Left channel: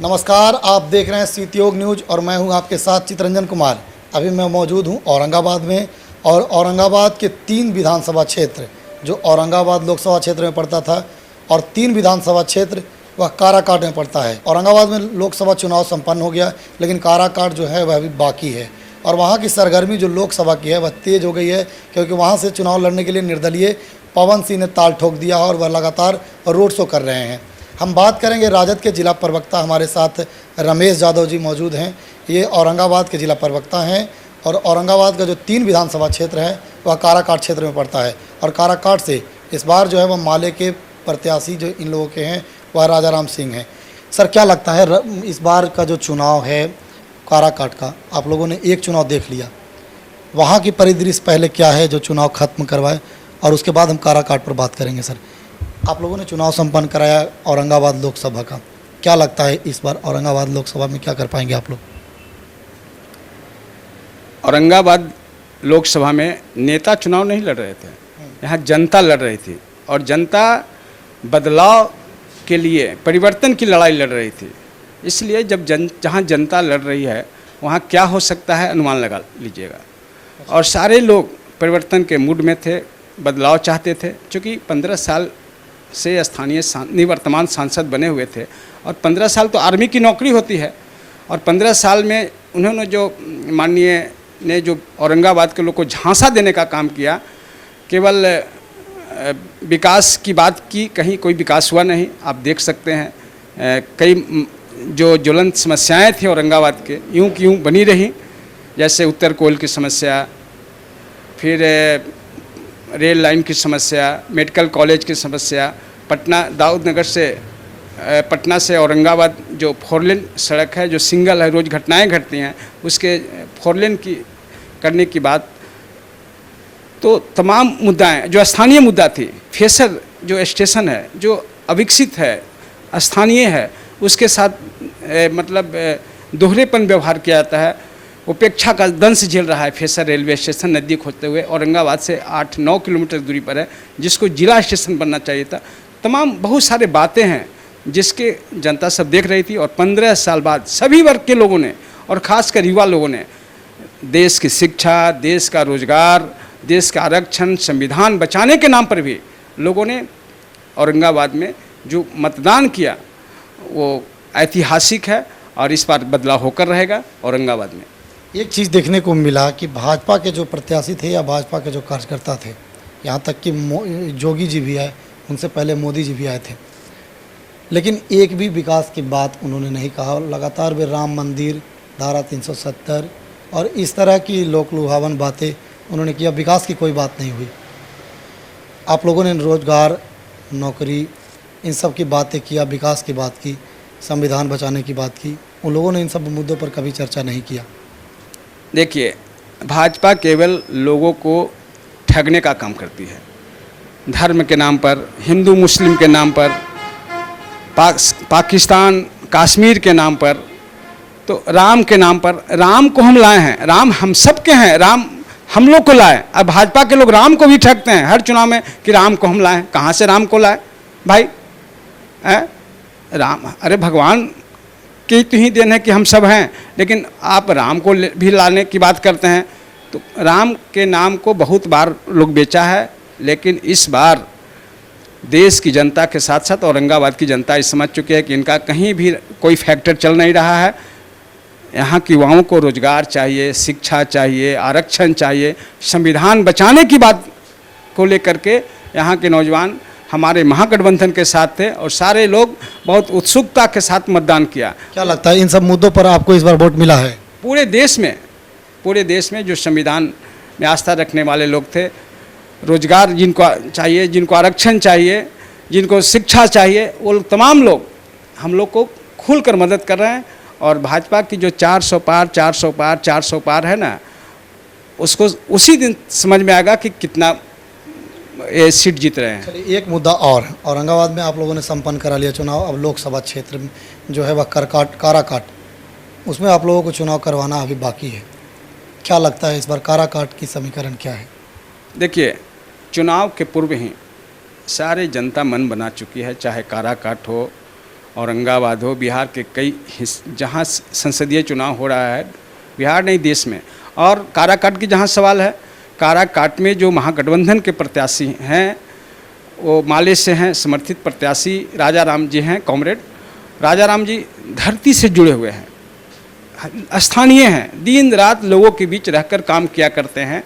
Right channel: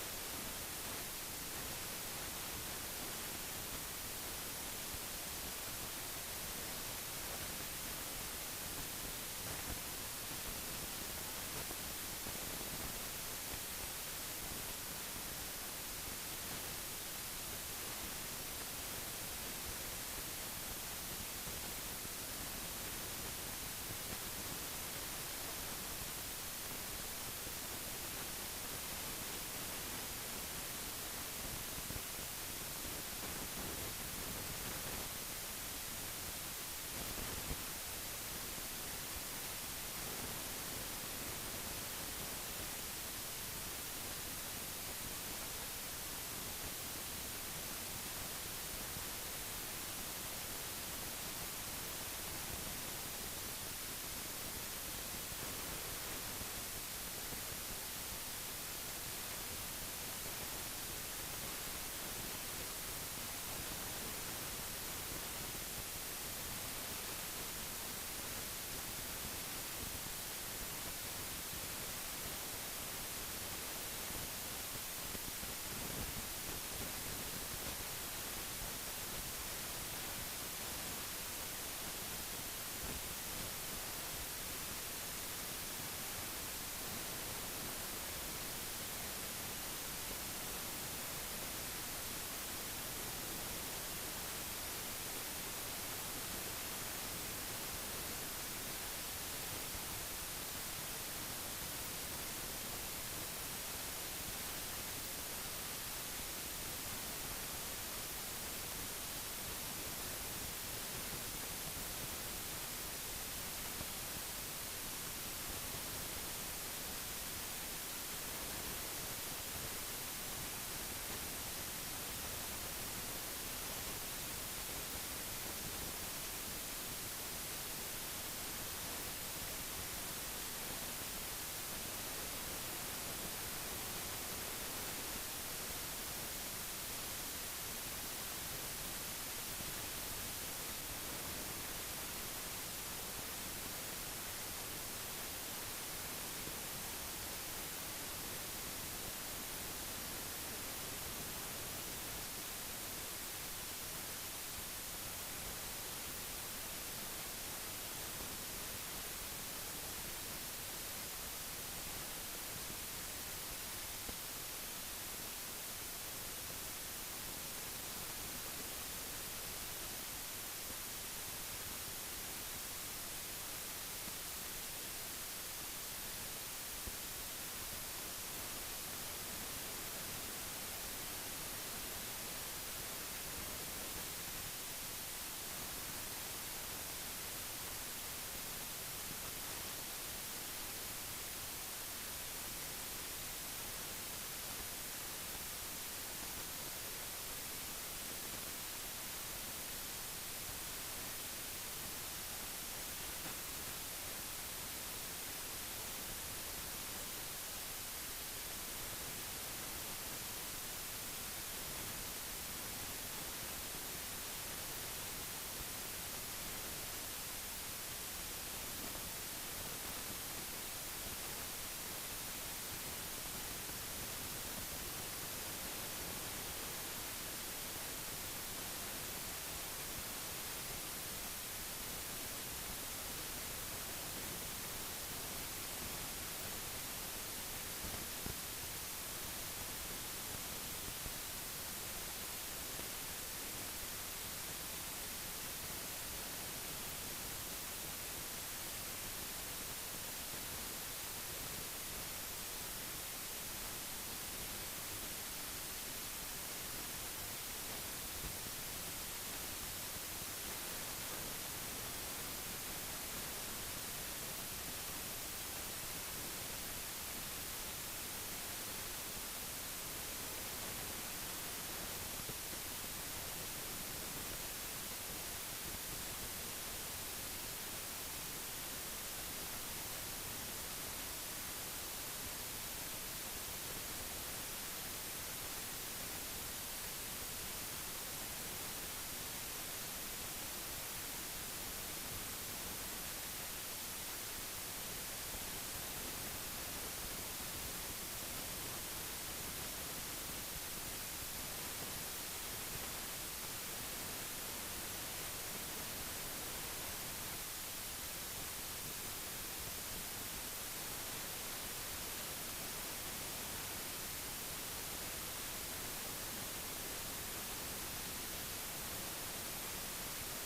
नमस्कार, आप देख रहे हैं सीतियोग न्यूज़ और मैं हूं आपके साथ चितरंजन कुमार। अभी मैं मौजूद हूं औरंगाबाद में और औरंगाबाद के 3 विधानसभा क्षेत्र जो औरंगाबाद लोकसभा क्षेत्र में पड़ता था और 3 विधानसभा क्षेत्र वह काराकाट में पड़ता है। औरंगाबाद में लोकसभा चुनाव संपन्न हो गया, लेकिन काराकाट जो है वह अभी बाकी है और वहाँ की सरगर्मी जो लोकसभा की है वह तेज़ हो गई है, क्योंकि वहाँ से चुनाव लड़ने के लिए निर्दलीय पवन सिंह ने ताल ठोक दिया और वह लगातार रोड शो कर रहे हैं। हम बात करेंगे राजद के जिला प्रवक्ता, हमारे साथ रमेश यादव जी मौजूद हैं। ये औरंगाबाद के जिला प्रवक्ता हैं और औरंगाबाद का जो 3 विधानसभा क्षेत्र है वह काराकाट क्षेत्र में पड़ता है और काराकाट से इस बार जो है वह माले के प्रत्याशी जो इन लोगों के हैं वह राजा राम सिंह हैं। सर, क्या लगता है इस बार का जो चुनाव है काराकाट का, आप लोगों ने एक चुनाव देख लिया, वहाँ की परिदृश्य पहले क्या है जो चुनाव खत्म करवाए और उसके बाद हम काराकाट पर बात करेंगे। सर, आप लोगों ने चुनाव संपन्न कराया औरंगाबाद लोकसभा का, क्या लगता है इस बार औरंगाबाद लोकसभा में क्या कर पाएंगे आप लोग? औरंगाबाद लोकसभा में नेता चुनाव नहीं लड़ रहे थे, यहाँ जनता लड़ रही थी और जनता बदलाव के लिए परिवर्तन की लड़ाई लड़ रही थी। इसलिए जब जहाँ जनता लड़ रही है वहाँ क्या हो सकता है अनुमान लगा लीजिएगा। और सारे लोग परिवर्तन के मूड में थे, बदलाव चाहते थे। चूँकि 15 साल से स्थानीय निवर्तमान सांसद बने हुए थे और 15 साल तो आर्मी की नौकरी होती है और 15 साल में उन्होंने जो माननीय ने जो औरंगाबाद के लोग को झांसा देने का काम किया, केवल विकास की बात की, कहीं कोई विकास हुआ नहीं। आप देख सकते हैं कई जो ज्वलंत समस्याएं थी औरंगाबाद के यूं की यूं बनी रही, जैसे उत्तर कोयल की समस्या, फिर रेल लाइन की समस्या, मेडिकल कॉलेज की समस्या, पटना दाऊदनगर से पटना से औरंगाबाद जो 4 लेन सड़क है जो सिंगल है, रोज़ घटनाएं घटती हैं, उसके 4 लेन की करने की बात, तो तमाम मुद्दाएं जो स्थानीय मुद्दा थी, फेसर जो स्टेशन है जो अविकसित है, स्थानीय है, उसके साथ दोहरेपन व्यवहार किया जाता है, उपेक्षा का दंश झेल रहा है। फेसर रेलवे स्टेशन नज़दीक होते हुए औरंगाबाद से 8-9 किलोमीटर दूरी पर है, जिसको जिला स्टेशन बनना चाहिए था। तमाम बहुत सारे बातें हैं जिसके जनता सब देख रही थी और 15 साल बाद सभी वर्ग के लोगों ने और ख़ासकर युवा लोगों ने देश की शिक्षा, देश का रोजगार, देश का आरक्षण, संविधान बचाने के नाम पर भी लोगों ने औरंगाबाद में जो मतदान किया वो ऐतिहासिक है और इस बार बदलाव होकर रहेगा औरंगाबाद में। एक चीज़ देखने को मिला कि भाजपा के जो प्रत्याशी थे या भाजपा के जो कार्यकर्ता थे, यहाँ तक कि जोगी जी भी आए, उनसे पहले मोदी जी भी आए थे, लेकिन एक भी विकास की बात उन्होंने नहीं कहा। लगातार वे राम मंदिर, धारा 370 और इस तरह की लोक लुभावन बातें उन्होंने किया, विकास की कोई बात नहीं हुई। आप लोगों ने रोजगार, नौकरी, इन सब की बातें किया, विकास की बात की, संविधान बचाने की बात की, उन लोगों ने इन सब मुद्दों पर कभी चर्चा नहीं किया। देखिए, भाजपा केवल लोगों को ठगने का काम करती है, धर्म के नाम पर, हिंदू मुस्लिम के नाम पर, पाकिस्तान कश्मीर के नाम पर, तो राम के नाम पर। राम को हम लाए हैं, राम हम सब के हैं, राम हम लोग को लाए। अब भाजपा के लोग राम को भी ठगते हैं हर चुनाव में कि राम को हम लाए। कहाँ से राम को लाए भाई? राम, अरे भगवान की तो ही देन है कि हम सब हैं, लेकिन आप राम को भी लाने की बात करते हैं। तो राम के नाम को बहुत बार लोग बेचा है, लेकिन इस बार देश की जनता के साथ साथ औरंगाबाद की जनता ये समझ चुकी है कि इनका कहीं भी कोई फैक्टर चल नहीं रहा है। यहाँ के युवाओं को रोजगार चाहिए, शिक्षा चाहिए, आरक्षण चाहिए, संविधान बचाने की बात को लेकर के यहाँ के नौजवान हमारे महागठबंधन के साथ थे और सारे लोग बहुत उत्सुकता के साथ मतदान किया। क्या लगता है इन सब मुद्दों पर आपको इस बार वोट मिला है? पूरे देश में जो संविधान में आस्था रखने वाले लोग थे, रोजगार जिनको चाहिए, जिनको आरक्षण चाहिए, जिनको शिक्षा चाहिए, वो तमाम लोग हम लोग को खुलकर मदद कर रहे हैं। और भाजपा की जो 400 पार है ना, उसको उसी दिन समझ में आएगा कि कितना सीट जीत रहे हैं। चलिए, एक मुद्दा और, औरंगाबाद में आप लोगों ने संपन्न करा लिया चुनाव, अब लोकसभा क्षेत्र में जो है वह काराकाट, उसमें आप लोगों को चुनाव करवाना अभी बाकी है। क्या लगता है इस बार काराकाट की समीकरण क्या है? देखिए, चुनाव के पूर्व ही सारे जनता मन बना चुकी है, चाहे काराकाट हो, औरंगाबाद हो, बिहार के कई जहाँ संसदीय चुनाव हो रहा है, बिहार नहीं देश में, और काराकाट की जहाँ सवाल है, काराकाट में जो महागठबंधन के प्रत्याशी हैं वो माले से हैं, समर्थित प्रत्याशी राजा राम जी हैं। कॉमरेड राजा राम जी धरती से जुड़े हुए हैं, स्थानीय हैं, दिन रात लोगों के बीच रहकर काम किया करते हैं।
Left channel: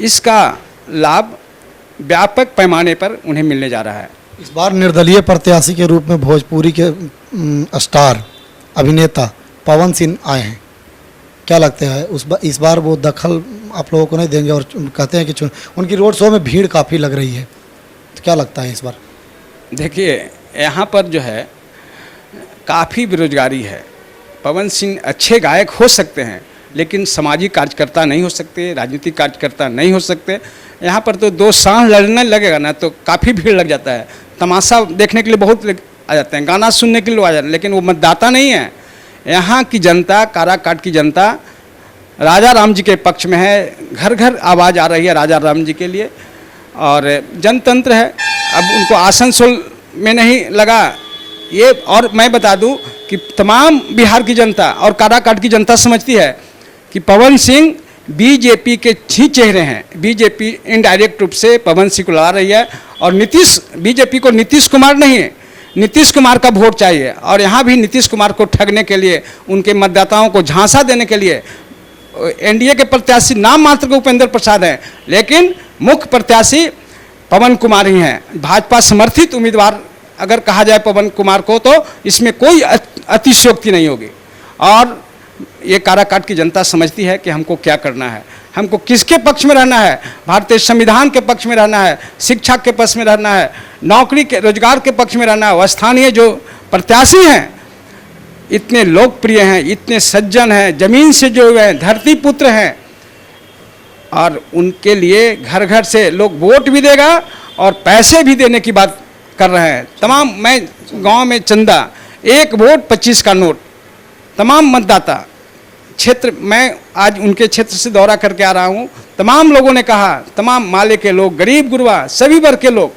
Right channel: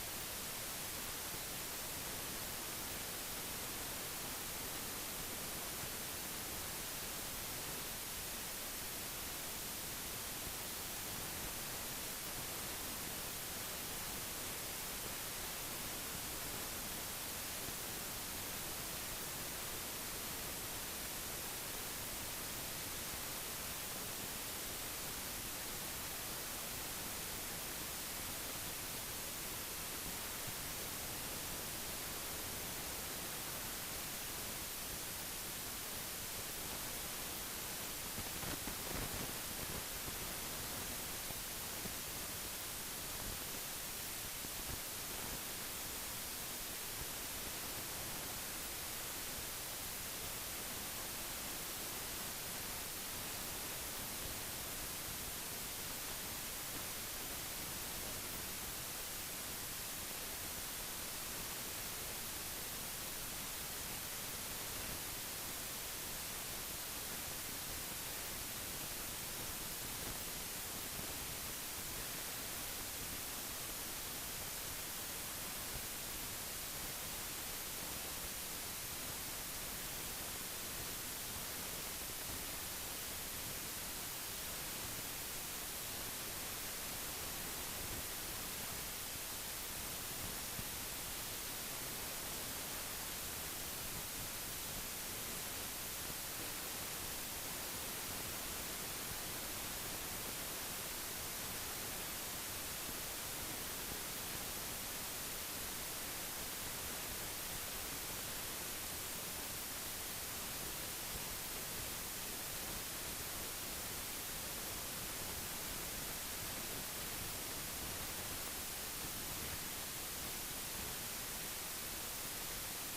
इसका लाभ व्यापक पैमाने पर उन्हें मिलने जा रहा है। इस बार निर्दलीय प्रत्याशी के रूप में भोजपुरी के स्टार अभिनेता पवन सिंह आए हैं, क्या लगता है इस बार वो दखल आप लोगों को नहीं देंगे? और कहते हैं कि उनकी रोड शो में भीड़ काफ़ी लग रही है, तो क्या लगता है इस बार? देखिए, यहाँ पर जो है काफ़ी बेरोजगारी है। पवन सिंह अच्छे गायक हो सकते हैं, लेकिन सामाजिक कार्यकर्ता नहीं हो सकते, राजनीतिक कार्यकर्ता नहीं हो सकते। यहाँ पर तो दो सांस लड़ने लगेगा ना तो काफ़ी भीड़ लग जाता है। तमाशा देखने के लिए बहुत आ जाते हैं, गाना सुनने के लिए लोग आ जाते हैं, लेकिन वो मतदाता नहीं है। यहाँ की जनता, काराकाट की जनता राजा राम जी के पक्ष में है। घर घर आवाज़ आ रही है राजा राम जी के लिए, और जनतंत्र है। अब उनको आसनसोल में नहीं लगा ये, और मैं बता दूं कि तमाम बिहार की जनता और काराकाट की जनता समझती है कि पवन सिंह बीजेपी के ही चेहरे हैं। बीजेपी इनडायरेक्ट रूप से पवन सिंह को ला रही है, और बीजेपी को नीतीश कुमार नहीं है, नीतीश कुमार का वोट चाहिए। और यहाँ भी नीतीश कुमार को ठगने के लिए, उनके मतदाताओं को झांसा देने के लिए एनडीए के प्रत्याशी नाम मात्र के उपेंद्र प्रसाद हैं, लेकिन मुख्य प्रत्याशी पवन कुमार ही हैं। भाजपा समर्थित उम्मीदवार अगर कहा जाए पवन कुमार को, तो इसमें कोई अतिशयोक्ति नहीं होगी। और ये काराकाट की जनता समझती है कि हमको क्या करना है, हमको किसके पक्ष में रहना है। भारतीय संविधान के पक्ष में रहना है, शिक्षा के पक्ष में रहना है, नौकरी के रोजगार के पक्ष में रहना है। और स्थानीय जो प्रत्याशी हैं इतने लोकप्रिय हैं, इतने सज्जन हैं, जमीन से जुड़े हुए हैं, धरती पुत्र हैं, और उनके लिए घर घर से लोग वोट भी देगा और पैसे भी देने की बात कर रहे हैं। तमाम, मैं गांव में चंदा, 1 वोट 25 का नोट, तमाम मतदाता क्षेत्र, मैं आज उनके क्षेत्र से दौरा करके आ रहा हूं। तमाम लोगों ने कहा, तमाम माले के लोग, गरीब गुरबा, सभी वर्ग के लोग,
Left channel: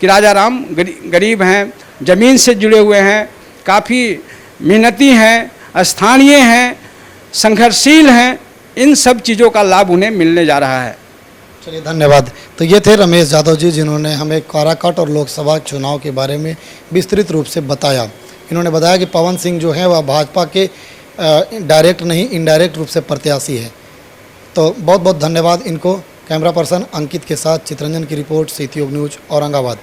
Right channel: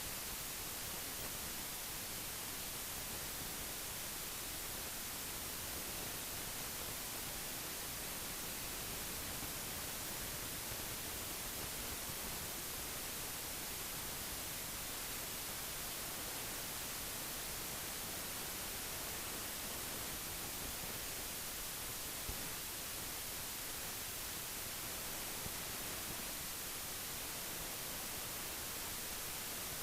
कि राजा राम गरीब हैं, ज़मीन से जुड़े हुए हैं, काफ़ी मेहनती हैं, स्थानीय हैं, संघर्षशील हैं। इन सब चीज़ों का लाभ उन्हें मिलने जा रहा है। चलिए, धन्यवाद। तो ये थे रमेश यादव जी, जिन्होंने हमें काराकाट और लोकसभा चुनाव के बारे में विस्तृत रूप से बताया। इन्होंने बताया कि पवन सिंह जो है वह भाजपा के डायरेक्ट नहीं इनडायरेक्ट रूप से प्रत्याशी है। तो बहुत बहुत धन्यवाद इनको। कैमरा पर्सन अंकित के साथ चितरंजन की रिपोर्ट, सीटी न्यूज़, औरंगाबाद।